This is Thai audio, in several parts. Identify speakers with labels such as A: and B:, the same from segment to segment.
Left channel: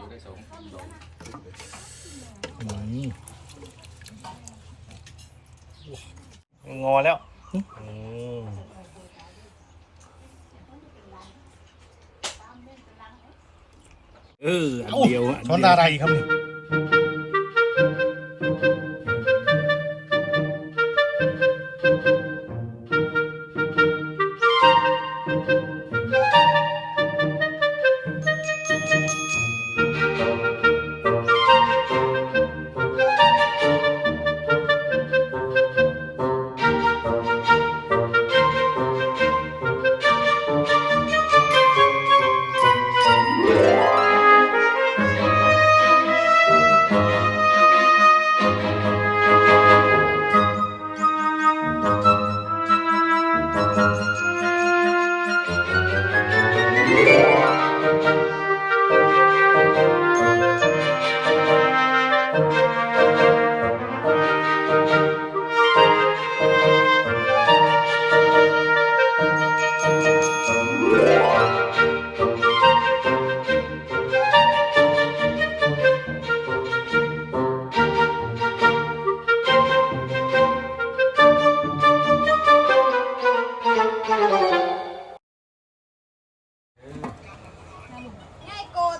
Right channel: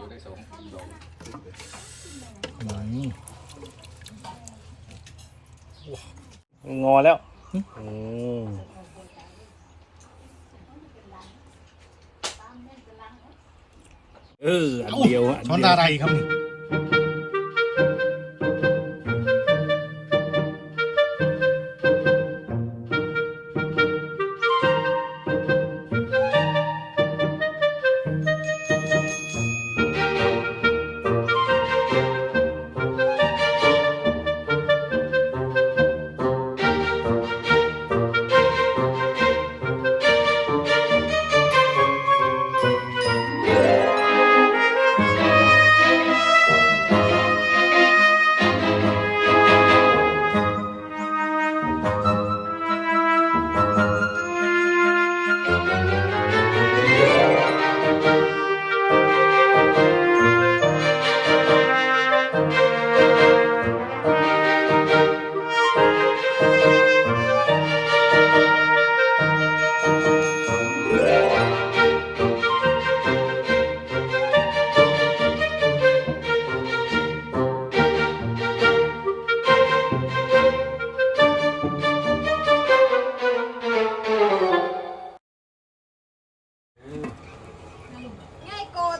A: ดียวได้สองดอก
B: นี่งอแล้วเอออันเดียวอันเดียว ช้
C: อะไรครับนี่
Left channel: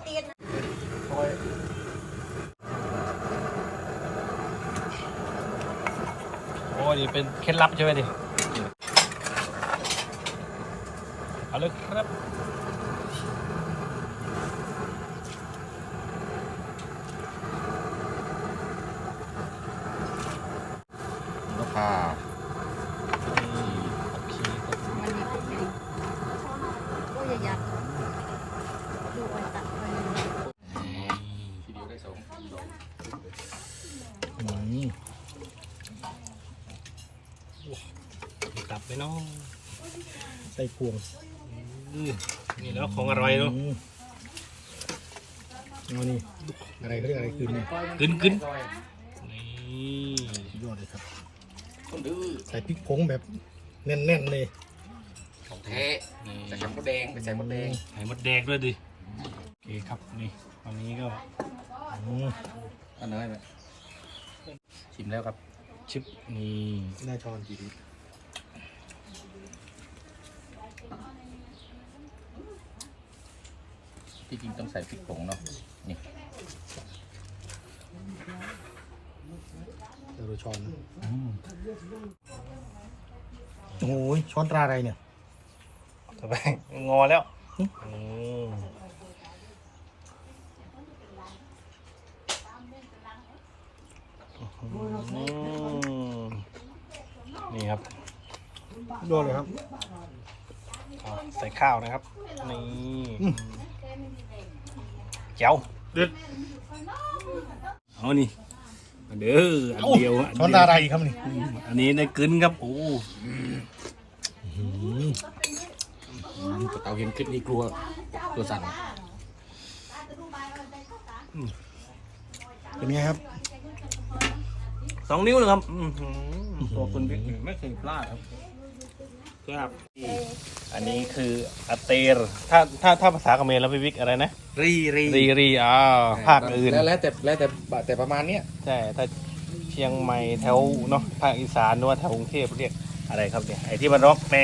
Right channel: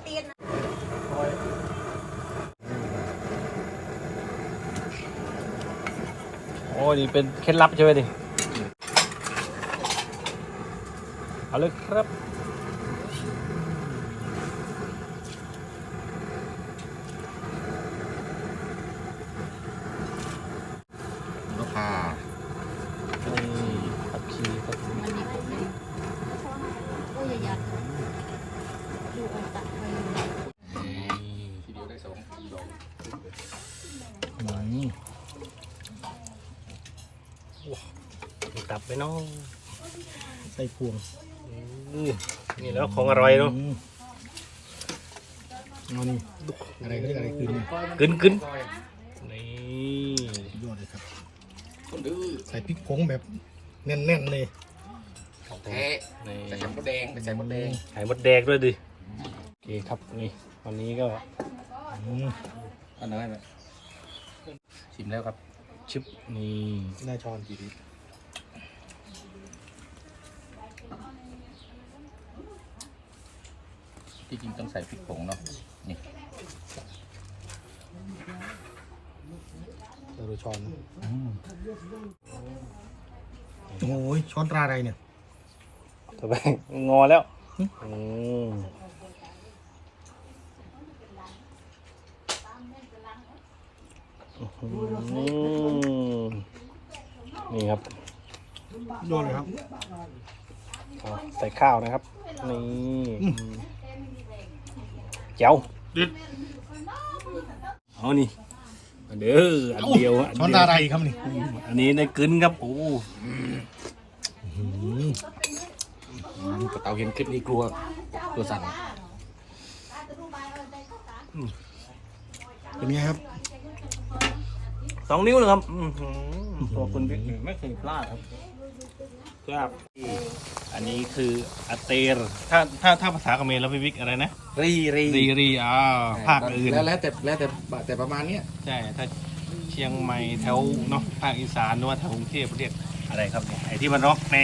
D: ตีน
B: โอ้ยนี่เป็นเคล็ดลับใช่ไหมดิเอาเลยครับ
A: ก็พา
B: นี่ขี้ครับ
D: มันมีอะไรก็อย่ายัดดูไปตัดไป
A: ทีเดียวได้สองดอก
B: นี่ กลับไปน้อง
C: ใส่พวง
B: อืมนี่แล้วของอร่อยเนาะ
C: อืมเอานี่อะไรเขาเรียกอะไรคืนนี่
B: กึนกึนนี่
C: สุดยอดเลยครับ
A: คนดื้อ
C: ใส่พริกผงแบบแน่นๆเลย
A: ของแท้
B: นี่
A: ใส่ไข่มดแดงไปใส่มดแดง
B: ไข่มดแดงด้วยดิโอเคครับนี่วันนี้ก็
C: อืม
A: อันนั้นไหมชิมแล้วครับ
B: ชิปนี่
C: ได้ช้อนกี่ดี
A: ที่จริงต้องใส่พริกผงเนาะนี่
C: เราดูช้อนนะโอ้ยช้อนตราอะไรเนี่ย
B: สบายงอแล้วอืมอืมนี่ครับ
C: สุด ยอดเลยครับ
B: ใส่ข้าวนะครับ นี่
C: อืม
B: เจ้า
C: เด็ด
B: เอานี่อันเด้ออันเดียวอัน
C: ช้อน
B: เดี
C: ต
B: ยว
C: ราอะไรครับนี่
B: อันนี้ได้กึนครับ โอ้
C: อืม
A: กระเตาเห็นคลิปนี้กลัวตัวสั่น
C: เป็นไงครับ
B: สองนิ้วเลยครับอื้อหือตัวคุณบิ๊กนี่ไม่เคยพลาดครับ ครับ อันนี้คืออเตรถ้าถ้าถ้าภาษาเขมรแล้วพี่บิ๊กอะไรนะ
A: รีรี
B: รีรีอ้าวภาคอื่น
A: แล้วแล้วแต่แล้วแต่แต่ประมาณเนี้ย
B: ใช่ถ้าเชียงใหม่แถวเนาะภาคอีสานหรือว่าแถวกรุงเทพเรียกอะไรครับเนี่ยไอ้ที่มันร็อกแน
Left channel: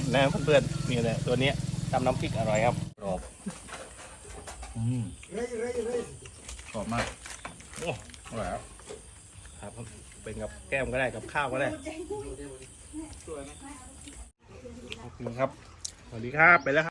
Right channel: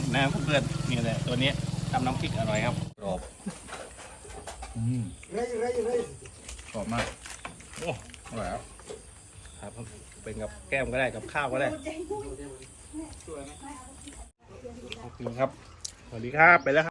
B: ดนะเพื่อนๆนี่เลยตัวเนี้ยทำน้ำพริกอร่อยครับ
A: กรอบกรอบมาก
B: โอ้
A: อร่อยครับ
B: ครับเป็นกับแก้มก็ได้กับข้าวก็ได้ ขอบคุณครับ สวัสดีครับ ไปแล้วครับ